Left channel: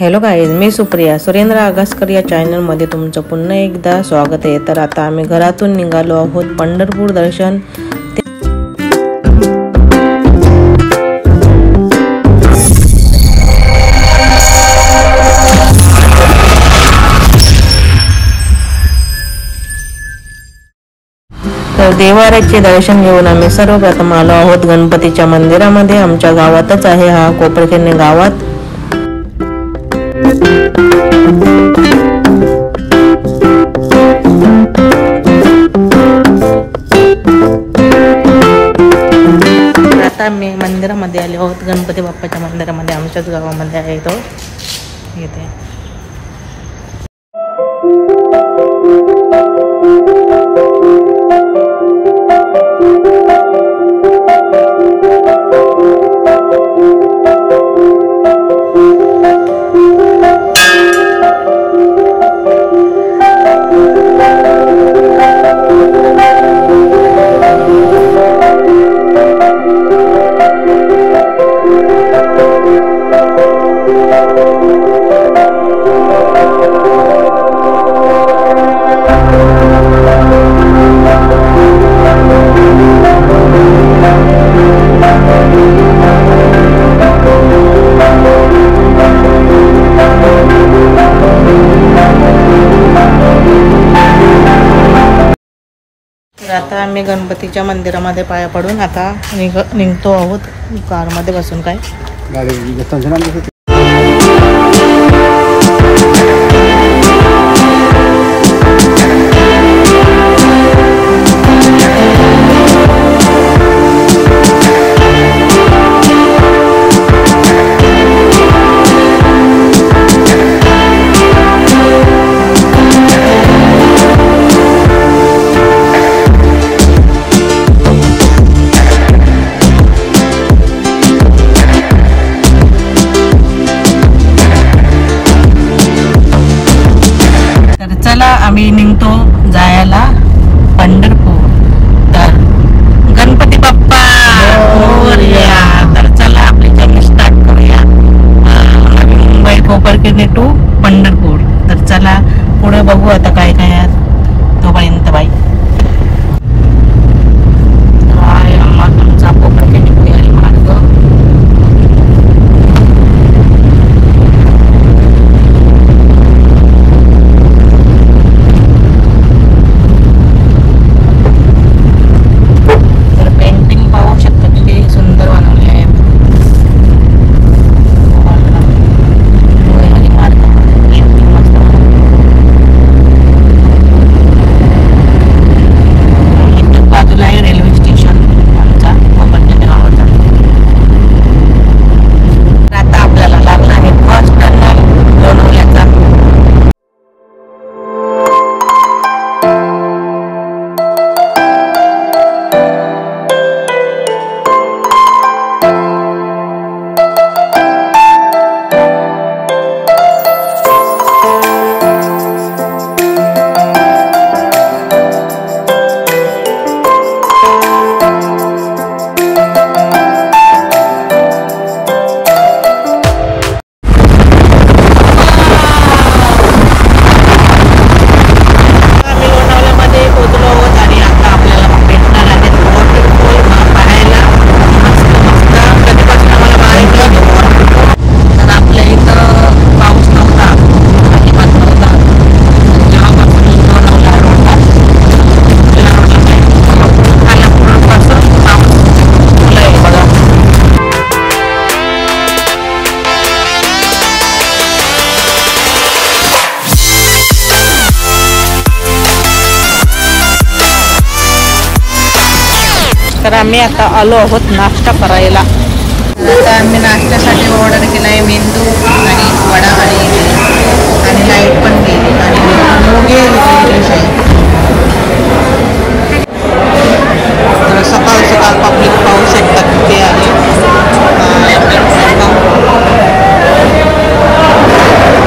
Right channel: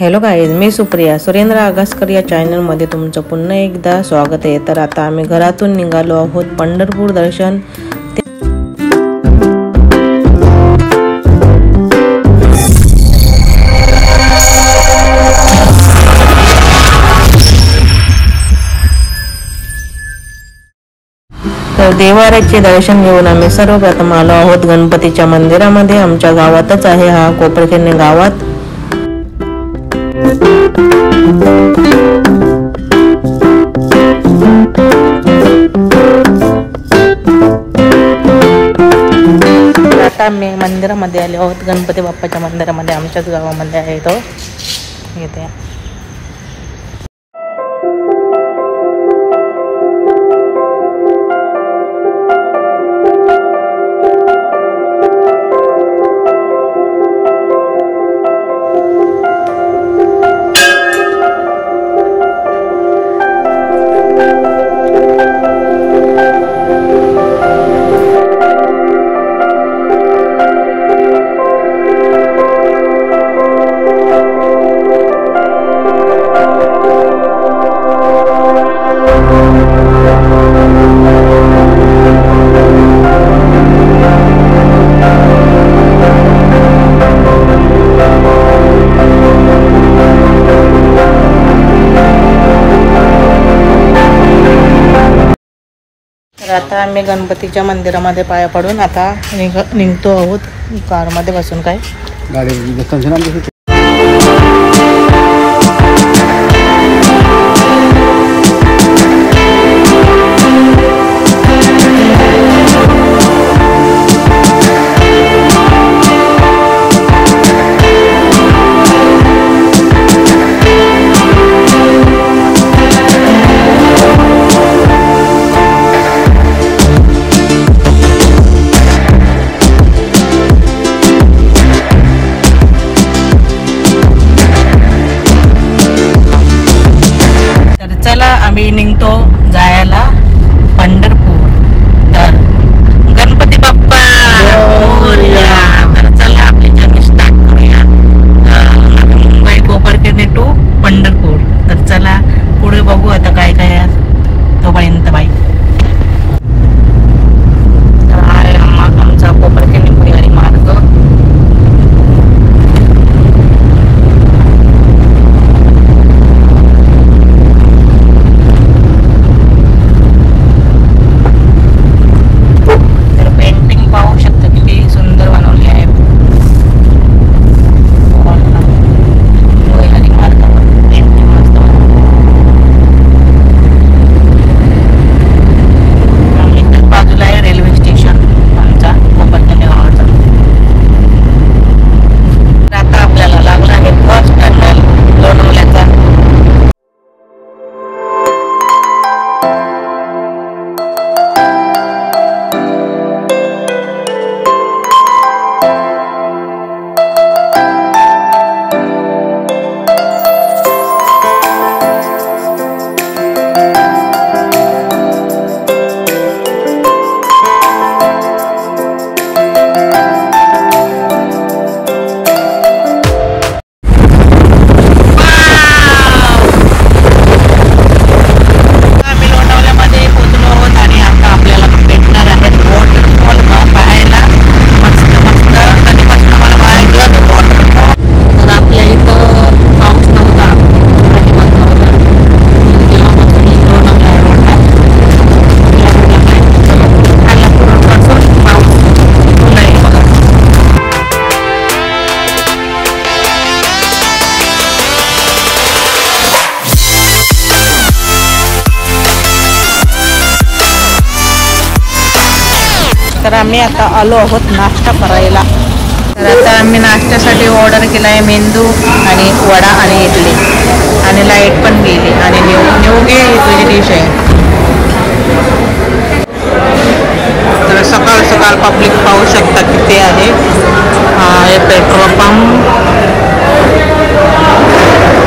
Hello guys, मी सुप्रिया सुरेंद्र आगासकर या चॅनलमध्ये तुमचं पुन्हा एकदा स्वागत आहे। तर आता आम्ही घरातून निघालो आहोत पंढरपूर दर्शन। तर देवाऱ्याचे दर्शन घेऊन आम्ही सर्वप्रथम आलो आहोत गणपतीच्या मंदिरामध्ये। आमच्या गावातच आहे हा कोपरखेरणे गावात। आता आम्ही मंदिरामध्ये आले आहोत, गणपती बाप्पाच्या मंदिरामध्ये। आमच्याच गावामध्ये आहे तो इथे। तर आता आम्ही गणपतीच्या मंदिरामध्ये पाया पडून आता निघतो आहोत कारमध्ये बसून। काय आम्ही निघतो जायला पंढरपूर। तर गणपती बाप्पा मोरया। तर चला आपली जर्नी स्टार्ट करूया। मुंबई कोपरखेरणे टू पंढरपूर। तर चला पुढे बघू आता काय काय आहे तोपर्यंत बाई। आमचा कोपरखेरणे पुढे मार्ग। तर आम्ही आता आलो आहोत नाश्ता करायला। तर आता आम्ही नाश्त्यासाठी ऑर्डर केला आहे मेंदू आणि वडा आणि इडली, आणि लाईट पण गेली आणि निवगे डिश आहे। तर सकाळ सकाळ पब्लिक पाहू शकतात तिथे आहे।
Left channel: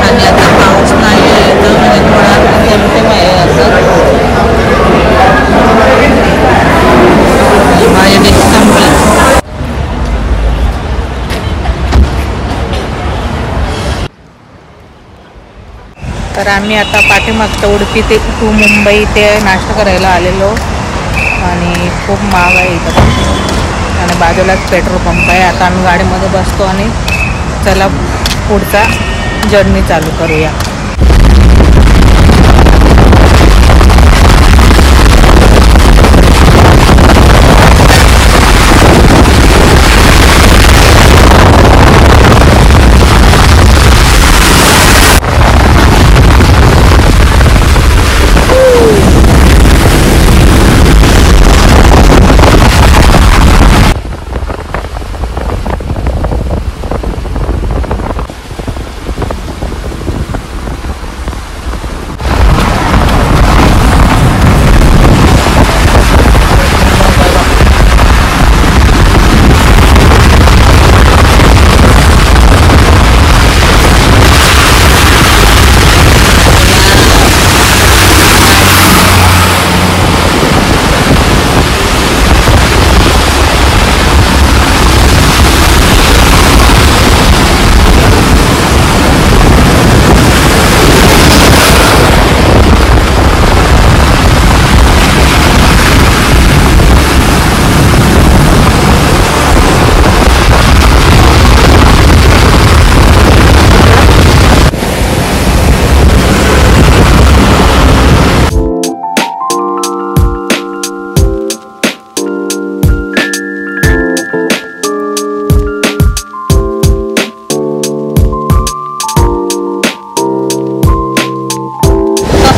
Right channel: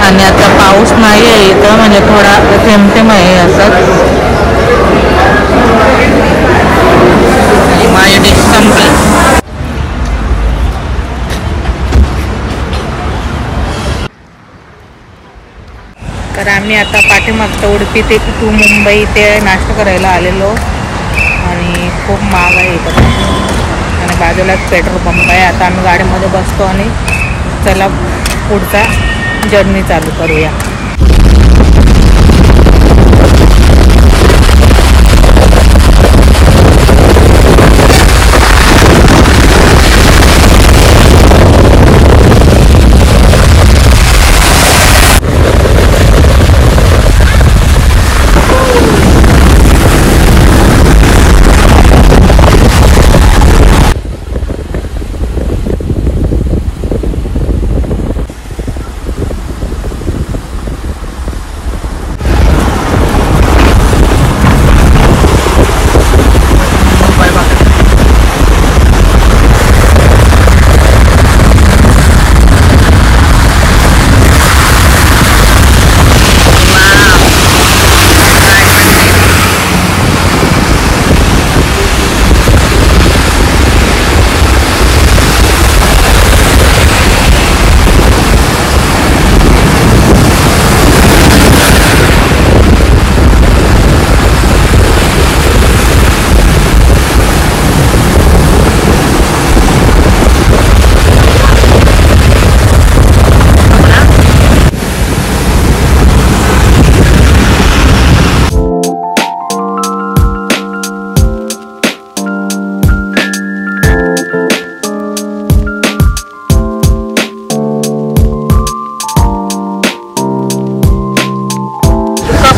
आणि आता पाऊस नाही आहे इथं, म्हणजे थोडा थेंब आहे असं। माझी डिश संपली। तर आम्ही आता पाठीमागच्या उडपी ते टू मुंबई ते नाश्ता करायला आलेलो आणि खूप महाग आहे इथं पण आणि बाजूलाच पेट्रोल पंप आहे. आता आम्ही गाडीमध्ये बसतो आणि चला पुढचा जर्नी चालू करूया.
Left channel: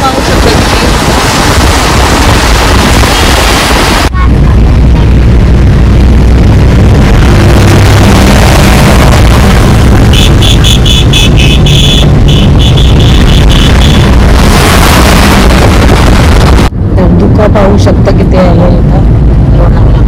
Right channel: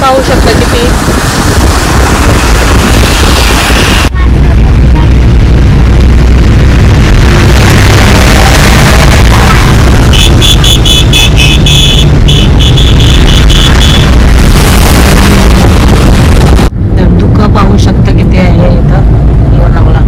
पाहू शकता किती धुकं पाहू शकता किती आहे इथं लोणावळा.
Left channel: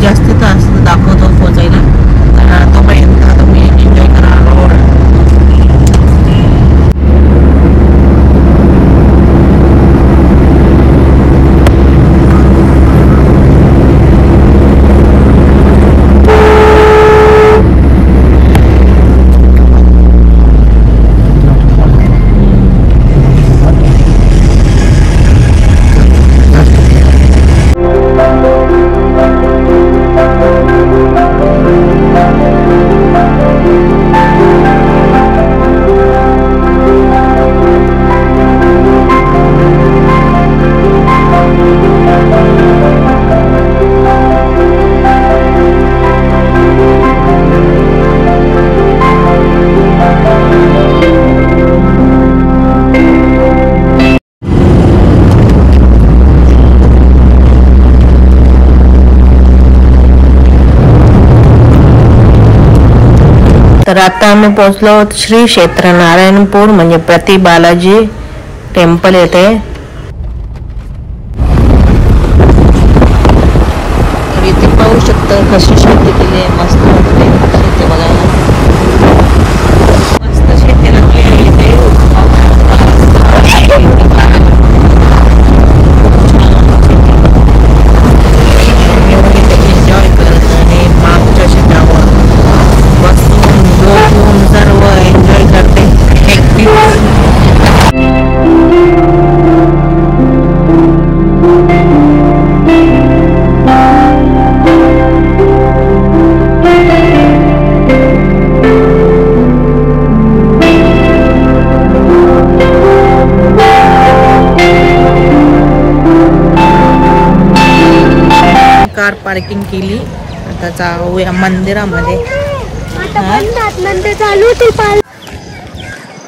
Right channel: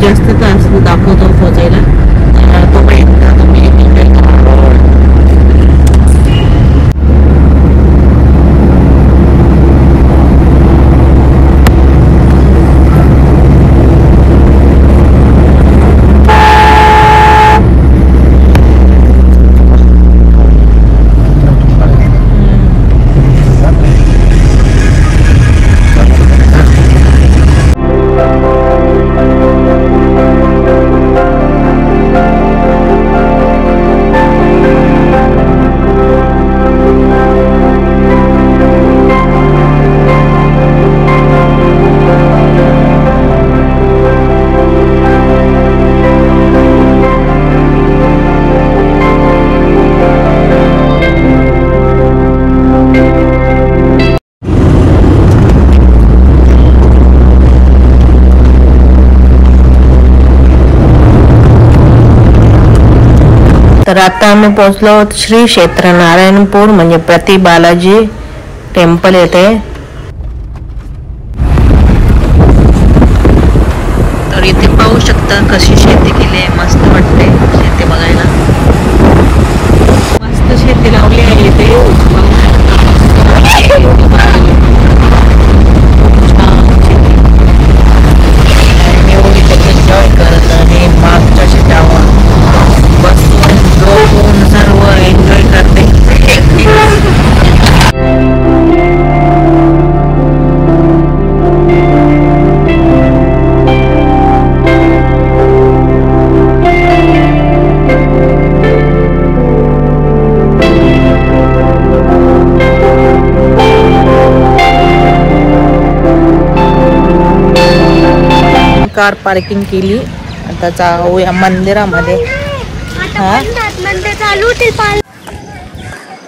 जास्त तास दाखवतो पोचायला तोपर्यंत आता मी एन्जॉय करणार. तर आता आम्ही पोहोचलो श्री क्षेत्र नारायणपूर म्हणजे प्रति बालाजी टेम्पल येथे. तर इथे पाहू शकता कशी शेती केली आहे. मस्त वाटते शेती बघायला. मस्त शेती लावली आहे इथे. पाहू शकता खूप छान शेती. एन्जॉय करत आणि मागच्या शेतावर बसून झोपून सर्व एन्जॉय करते. कार पार्किंग केली. आता जाऊया मंदिरामध्ये. हा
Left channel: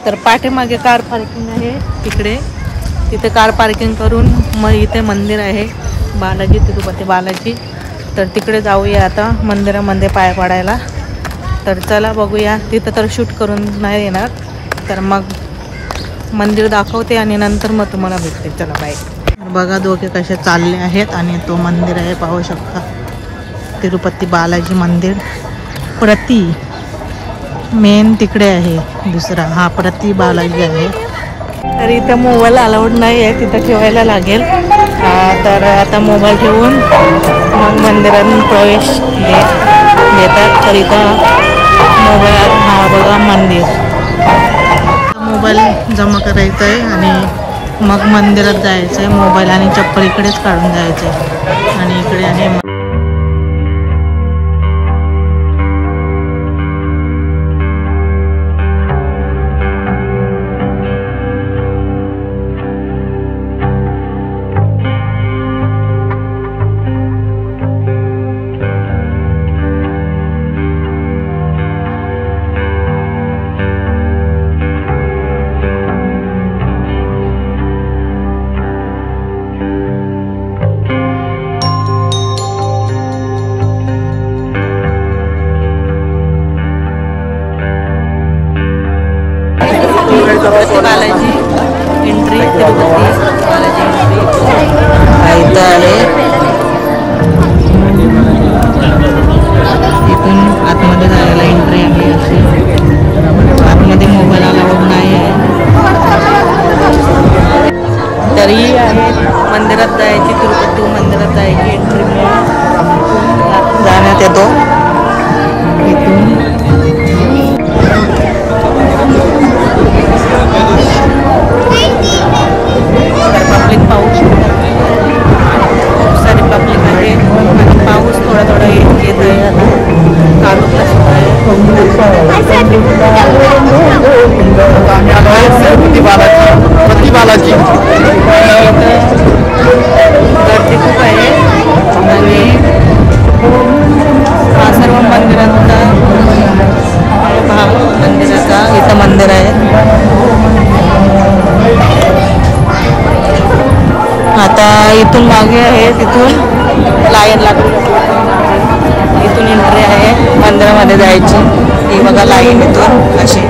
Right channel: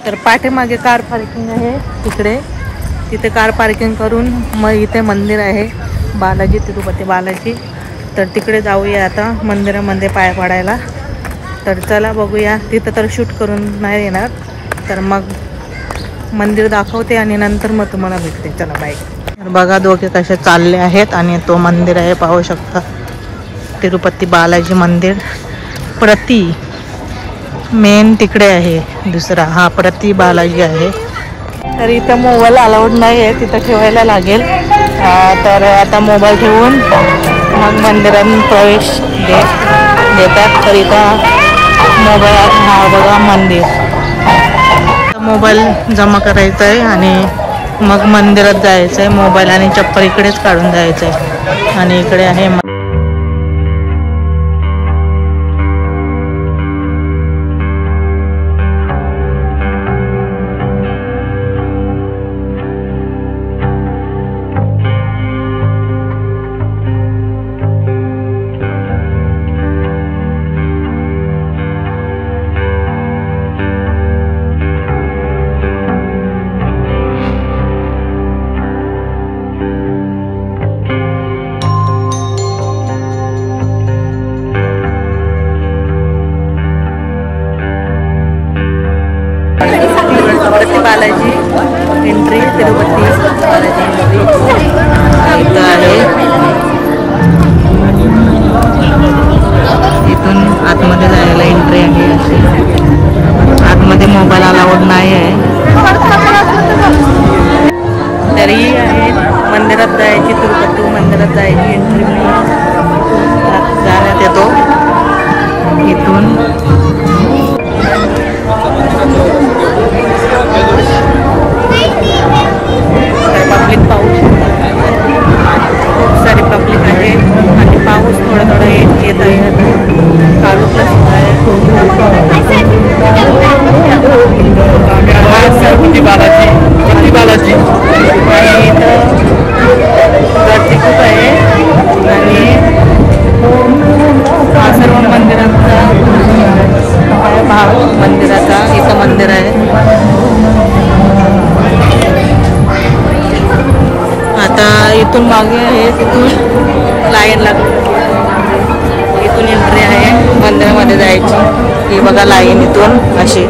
तर पाठीमागे कार पार्किंग आहे तिकडे. तिथे कार पार्किंग करून मग इथे मंदिर आहे बालाजी, तिरुपती बालाजी. तर तिकडे जाऊया आता मंदिरामध्ये पाय पडायला. तर चला बघूया. तिथं तर शूट करून नाही येणार, तर मग मंदिर दाखवते आणि नंतर मग तुम्हाला भेटते. चला बाय. तर बघा दोघे कसे चालले आहेत आणि तो मंदिर आहे पाहू शकता, तिरुपती बालाजी मंदिर. प्रति मेन तिकडे आहे, दुसरा हा प्रति बालाजी आहे. तर इथं मोबाईल अलाउड नाही आहे, तिथं ठेवायला लागेल. तर आता मोबाईल ठेवून मग मंदिरात प्रवेश देतात. तर इथं मोबाईल, हा बघा मंदिर, मोबाईल जमा करायचा आहे आणि मग मंदिरात जायचं आहे. मोबाईल आणि चप्पल इकडेच काढून जायचं आहे आणि इकडे आहे तिरुपती बालाजी एंट्री. तिरुपती बालाजी एंट्री इथं आहे. इथून आतमध्ये जायला एंट्री आहे अशी. आतमध्ये मोबाईल अलाउड नाही आहे. तरी आहे मंदिरात जायची, तिरुपती मंदिरात जायची एंट्री जाण्यात येतो इथून. तर पब्लिक पाऊस, खूप सारी पब्लिक आहे आणि पाऊस थोडा थोडा येत आहे. आता चालू प्लस आहे. तिरुपती बालाजी आणि इथं गर्दी खूप आहे आणि हा सर्व मंदिराचा आहे भाग मंदिराचा. इथं मंदिर आहे. आता इथून मागे आहे, तिथून लाईन लागली, इथून एंट्री आहे मंदिरामध्ये जायची. ही बघा लाईन इथून अशी.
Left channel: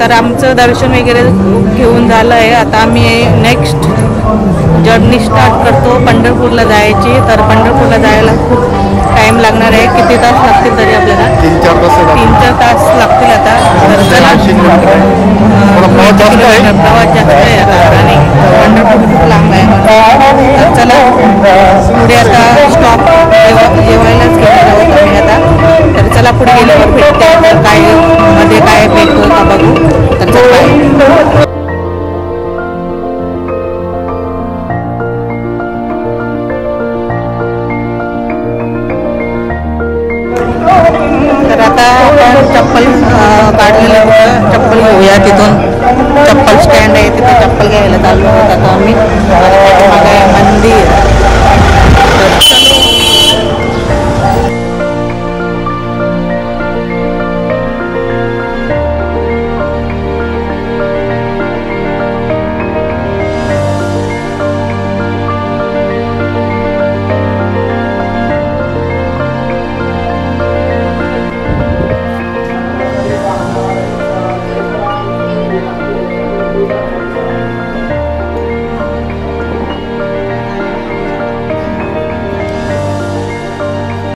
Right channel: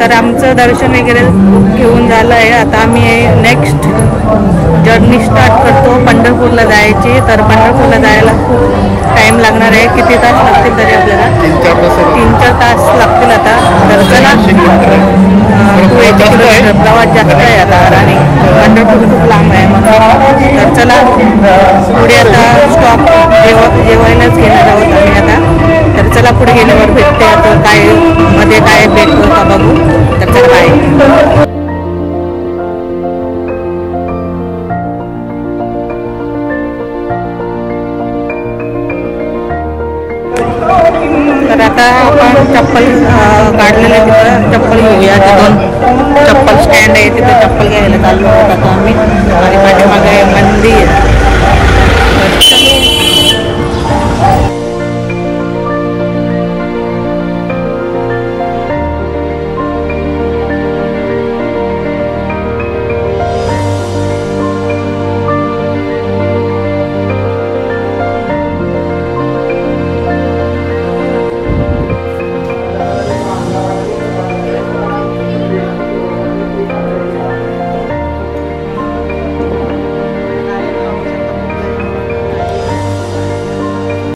तर आमचं दर्शन वगैरे घेऊन झालं आहे. आता आम्ही नेक्स्ट जर्नी स्टार्ट करतो पंढरपूरला जायची. तर पंढरपूरला जायला खूप टाइम लागणार आहे. किती तास लागतील तरी आपल्याला? 3-4 तास लागतील आता. तर चला, 280 किलोमीटर प्रवास जास्त आहे आता आणि पंढरपूर खूप लांब आहे म्हणून. तर चला पुढे आता स्टॉप जेवायलाच घेणार आहोत आम्ही आता. तर चला पुढे गेल्यावर भेटते. तर काय मध्ये काय भेटतो का बघू. तर चला काय. तर आता आपण चप्पल काढलेले चप्पल घेऊया. तिथून चप्पल स्टँड आहे, तिथे चप्पल घ्यायला चाललो होतो आता आम्ही. आणि